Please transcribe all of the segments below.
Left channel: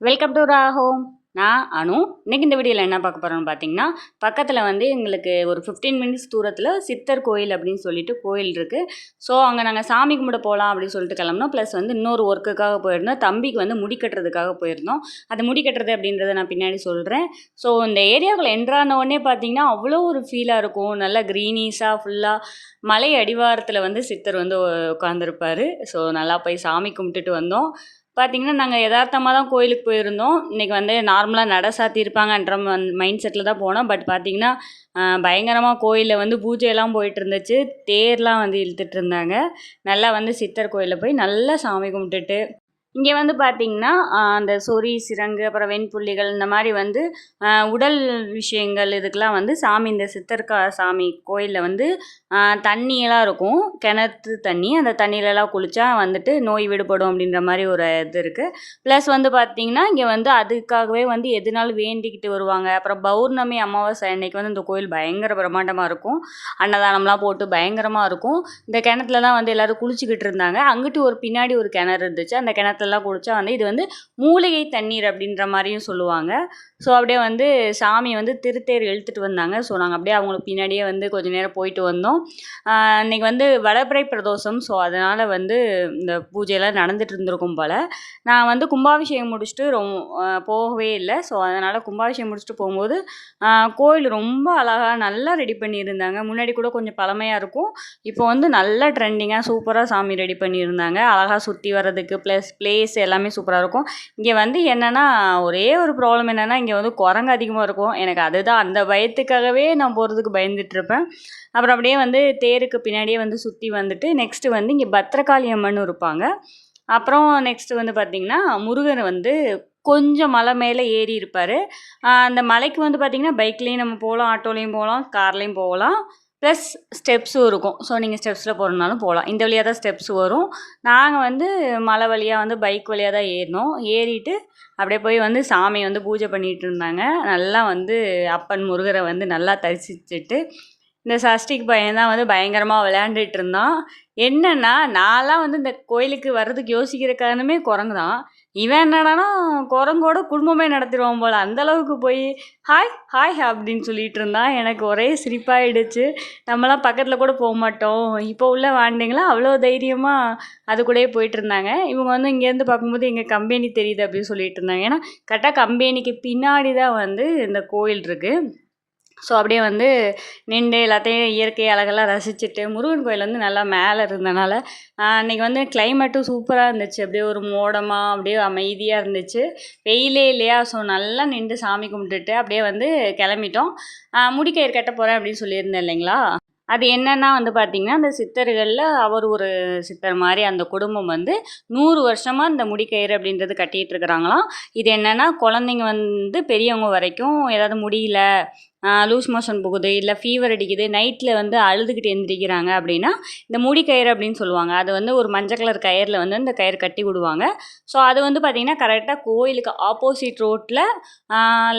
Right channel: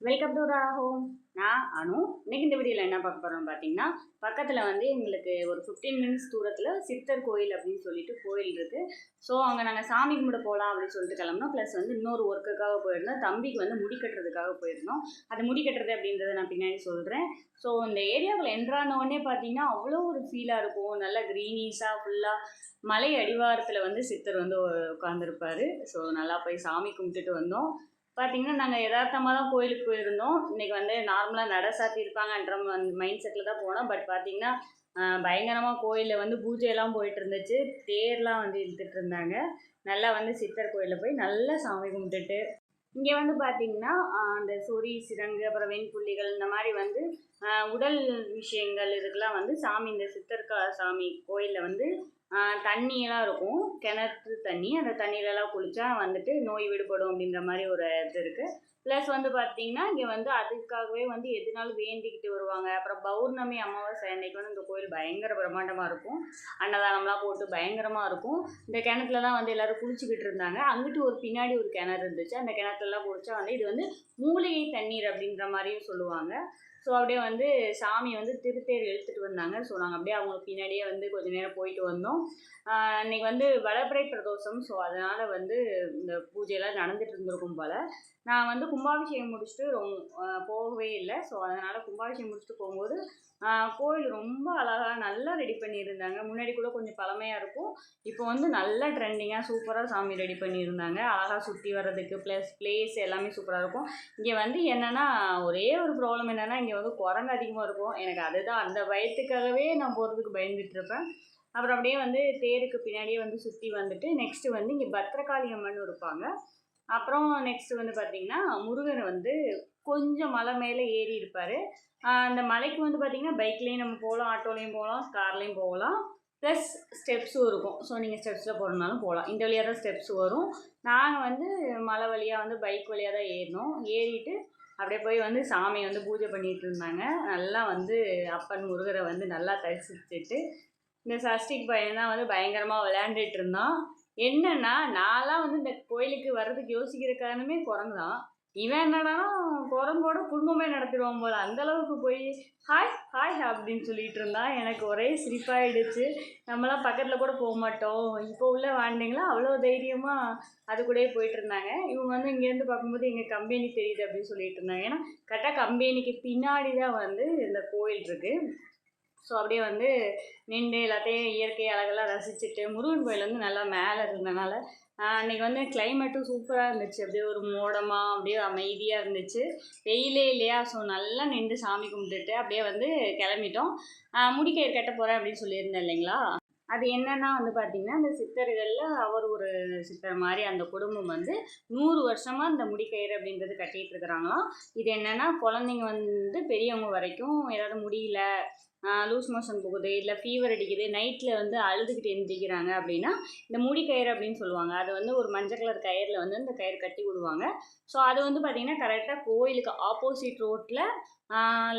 Welcome to ராஹோம் நான் அனு. இன்றைக்கி இந்த வீடியோவில் என்ன பார்க்க போகிறோம்னு பார்த்தீங்கன்னா பக்கத்தில் வந்து எங்களுக்கு ஒரு ஃபிஃப்டீன் மினிட்ஸ் தூரத்தில் சித்தர் கோயில் அப்படின்னு சொல்லிட்டு கோயில் இருக்குது ஸோ அங்கே நாங்கள் சாமி கும்பிட போகலாம் அப்படின்னு சொல்லிட்டு கிளம்புனோம். ப்ளஸ் வந்து இன்னொரு ஒர்க்குக்காக போயிருந்தோம். தம்பிக்கு வந்து முடி கட்டுறதுக்காக போயிருந்தோம். அது முடி கட்டுறது அப்படின்றத நான் பின்னாடி சொல்கிறேன் ஸோ இந்த ஏரியாவுக்குள்ள என்ட்ரான உடனே பார்த்தீங்கன்னா அவ்வளோ ஒரு ஃபீலாக இருக்கும். நல்லா க்ரீனீஸாக ஃபுல்லாக மலை அடிவாரத்தில் வந்து சித்தர் வந்து உட்காந்துருப்பார் ஸோ நல்லா போய் சாமி கும்பிட்டுட்டு வந்தோம். பார்த்தீங்கன்னா நாங்கள் யதார்த்தமாக தான் கோயிலுக்கு போயிருந்தோம். இன்றைக்கி வந்து நார்மலாக நட சாத்தியிருப்பாங்கன்ற மைண்ட் செட்டில் தான் போனோம். பட் பார்த்தீங்கன்னா பயங்கரமாக கோயிலில் வந்து பூஜையெல்லாம் போயிட்டு இருந்துச்சு தேர்லாம் வந்து இழுத்துட்டு இருந்தாங்க நல்லா வந்து சித்தர் கோயிலில் போய் நல்லா சாமி கும்பிட்டுட்டு இங்கே வந்து பார்த்திங்கன்னா அந்த சொறி சிறங்கு அப்புறம் வெண்புள்ளிகள் இந்த மாதிரி வந்து உடல் விஷயங்கள் இதுக்கெலாம் வந்து சாமி இந்த சித்தர்கா சாமி கோயிலில் வந்து தண்ணியெல்லாம் இருக்கும். கிணத்து தண்ணி. அந்த தண்ணியிலலாம் குளித்தா வந்துட்டு நோய் விடுபடும் அப்படின்ற மாதிரி ஒரு இது இருக்குது ப்ளஸ் வந்து பார்த்திங்கன்னா இங்கே வந்து அதுக்காகவே வந்து எதுனாலும் வேண்டிக்கிட்டு வருவாங்க. அப்புறம் பௌர்ணமி அமாவாசை அன்னைக்கு வந்து இந்த கோயில் பயங்கர பிரம்மாண்டமாக இருக்கும். அன்னதானம்லாம் போட்டு பயங்கரமாக இருக்கும். இந்த கிணத்துல தான் வந்து எல்லோரும் குளிச்சுக்கிட்டு இருந்தாங்க. அங்கிட்டு ஒரு பின்னாடி ஒரு கிணறு இருந்துச்சு. அந்த கிணத்துல எல்லாம் குடித்தா வந்து இது வந்து மூலிகை தண்ணீர் அப்படின்ற மாதிரியும் சொல்லுவாங்க. ஸோ அப்படியே வந்து சாமி வந்து திருத்தேர் இழுத்துட்டு வந்தாங்க. ஸோ நாங்கள் அப்படியே அவங்களுக்கு பின்னாடியே வந்து கொஞ்சம் நேரம் போயிட்டு வந்தோம். இன்றைக்கி வந்து வளர்பிறை பிரதோஷம். ஸோ அதனால் வந்து இந்த பூஜையெல்லாம் நடந்துகிட்டு இருந்திருக்கும் போல். நான் வந்து கும்பாபிஷேகம் முடிச்சுட்டு ரொம்ப போகவே இல்லை. ஸோ அதனால் கும்பாபிஷேகம் முடிச்சுட்டு போகும்போது கோயில் ரொம்ப அழகாக நல்லா ரெடி பண்ணியிருந்தாங்க. முன்னாடி கூட கொஞ்சம் பழமையாக இருக்கும். இப்போ வந்து நல்லா ட்ரெண்டிங்காக சூப்பராக சாமி ரெடி பண்ணியிருந்தாங்க. அழகாக சுற்றி வர்றதுக்கு ப்ளஸ் ஸ்பேஸ் எல்லாமே சூப்பராக இருக்கும். இங்கே வந்து என்னென்னா ஒரே ஒரு ப்ராப்ளம் என்னென்னா இங்கே வந்து குரங்கு அதிகமாக இருக்கும். எனக்கு அதுதான் அந்த பயத்துக்காகவே நான் போகிறதுக்கு பயந்துட்டுருப்பேன் அப்புறம் அப்படியே வந்து தேருக்கு பின்னாடியே வந்து சுற்றி வந்துட்டு நெக்ஸ்ட்டு வந்து இங்கே பத்திரகாளி அம்மன் இருப்பாங்க. அப்புறம் நெக்ஸ்ட்டு வந்து பார்த்திங்கன்னா முருகன் வந்து கொஞ்சம் மலை மேலே ஏறி இருப்பார். அந்த மலைக்கு வந்து பார்த்திங்கன்னா பைக்லேயும் நம்ம போகலாம் ஆட்டோலேயும் போகலாம் கார்லேயும் போகலாம். ப்ளஸ் ஸ்டெப்ஸும் இருக்கும். ஸோ நீங்கள் ஸ்டெப்ஸில் போகிறனாலும் போகலாம் இந்த வழியாக தான் ஸ்டெப்ஸ் வரும். நாங்கள் வந்து மலை வழியாக வந்து பைக் வழியாக தான் ஏறினோம். ஏறிட்டு அப்படியே போய் வந்து சாமி வந்து பூஜை பண்ணிகிட்டு இருந்தாங்க. நல்லா வந்து அப்பன் முருகரை வந்து நல்லா தரிசிச்சுட்டு இந்த சஷ்டிக்கு பையன் தான் வந்து பயங்கரமாக விளையாண்டுட்டு இருந்தான். என்னென்னா நான்லாம் வந்து இந்த கோயிலுக்கு வர்றதுக்கு யோசிக்கிற காரணமே குரங்கு தான். இவன் என்னடானா குரங்கோட குடும்பமே நடத்திடுவான் போல். அந்தளவுக்கு போய் ஹாய் ஹாய் அப்படின்னு சொல்லிட்டு இருந்தான் எனக்கு ஒரே சிரிப்பாயிடுச்சு. நம்மளாம் பக்கத்தில் கூட போக மாட்டோம். இப்போ உள்ள வாண்டிங்களா அவ்வளோ தைரியமாக அது கூடயே போயிட்டு இருந்தாங்க. இவங்க வந்து இங்கேருந்து பார்க்கும்போது எங்கள் கம்பெனி தெரியுது அப்படின்னு சொல்லிட்டு இருந்தாங்க. ஏன்னா கரெக்டாக கம்பெனிக்கு பின்னாடி தான் வந்து இந்த கோயில் இருக்குது ஸோ அப்படியே வந்து நின்று எல்லாத்தையும் இயற்கை அழகெல்லாம் ரசிச்சுட்டு முருகன் கோயில் வந்து நல்லா மேலே இருந்தனால அன்றைக்கி வந்து கிளைமேட்டும் சூப்பராக இருந்துச்சு. அப்படியே ஒரு மோடமாக அப்படியே அமைதியாக இருந்துச்சு. வெயிலே இல்லையா? ஸோ நல்லா நின்று சாமி கும்பிட்டுட்டு அப்படியே வந்து கிளம்பிட்டோம். முடிக்கயிறு கட்ட போகிறேன் அப்படின்னு சொல்லியிருந்தேன் இல்லைங்களா? அது என்னென்னா வந்து பார்த்திங்கன்னா அந்த சித்தர்களில் அவர் ஒரு சித்தர் மாதிரி அந்த குடும்பம் வந்து நூறு வருஷமாக இந்த முடிக்கயிறு அப்படின்றது கட்டிகிட்டு இருக்கிறாங்களாம். இது என்னென்னா குழந்தைங்க வந்து பெரியவங்க வரைக்கும் ஏதாவது முடியல லூஸ் மோஷன் போகுது இல்லை ஃபீவர் அடிக்குது நைட்டில் வந்து அழுதுகிட்டு எந்திரிக்கிறாங்க அப்படின்னா இந்த முடி கயிறு அப்படின்னு சொல்லுவாங்க. அது வந்து ஒரு மஞ்சள் கலர் கயிறில் வந்து இந்த கயிறு கட்டி விடுவாங்க. ஸோ அது வந்து பார்த்திங்கன்னா கரெக்டாக கோயிலுக்கு ஆப்போசிட் ரோட்டில்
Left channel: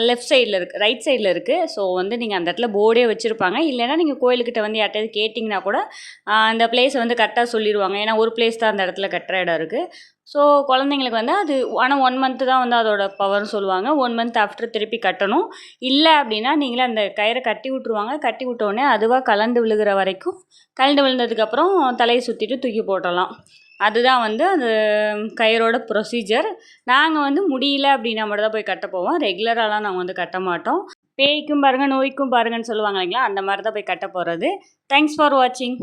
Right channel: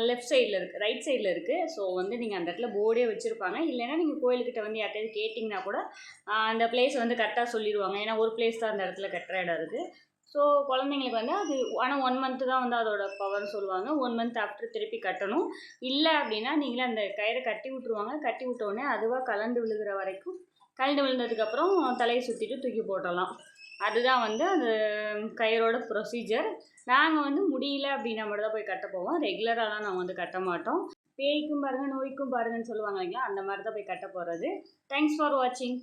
லெஃப்ட் சைடில் இருக்குது ரைட் சைடில் இருக்குது ஸோ வந்து நீங்கள் அந்த இடத்துல போர்டே வச்சுருப்பாங்க. இல்லைன்னா நீங்கள் கோயிலுக்கிட்ட வந்து யார்ட்டையாவது கேட்டிங்கன்னா கூட அந்த பிளேஸை வந்து கரெக்டாக சொல்லிடுவாங்க ஏன்னா ஒரு பிளேஸ் தான் அந்த இடத்துல கட்டுற இடம் இருக்குது ஸோ குழந்தைங்களுக்கு வந்து அது ஆனால் ஒன் மந்த்து தான் வந்து அதோட பவர்னு சொல்லுவாங்க. ஒன் மந்த் ஆஃப்டர் திருப்பி கட்டணும். இல்லை அப்படின்னா நீங்களே அந்த கயிறை கட்டி விட்ருவாங்க கட்டி விட்டோடனே அதுவாக கலந்து விழுகிற வரைக்கும் கலந்து விழுந்ததுக்கப்புறம் தலையை சுற்றிட்டு தூக்கி போட்டலாம் அதுதான் வந்து அது கயிறோட ப்ரொசீஜர் நாங்கள் வந்து முடியல அப்படின்னா மட்டும் தான் போய் கட்ட போவோம். ரெகுலராலாம் நாங்கள் வந்து கட்ட மாட்டோம். பேய்க்கும் பாருங்கள் நோய்க்கும் பாருங்கன்னு சொல்லுவாங்க இல்லைங்களா அந்த மாதிரி தான் போய் கட்ட போகிறது தேங்க்ஸ் ஃபார் வாட்சிங்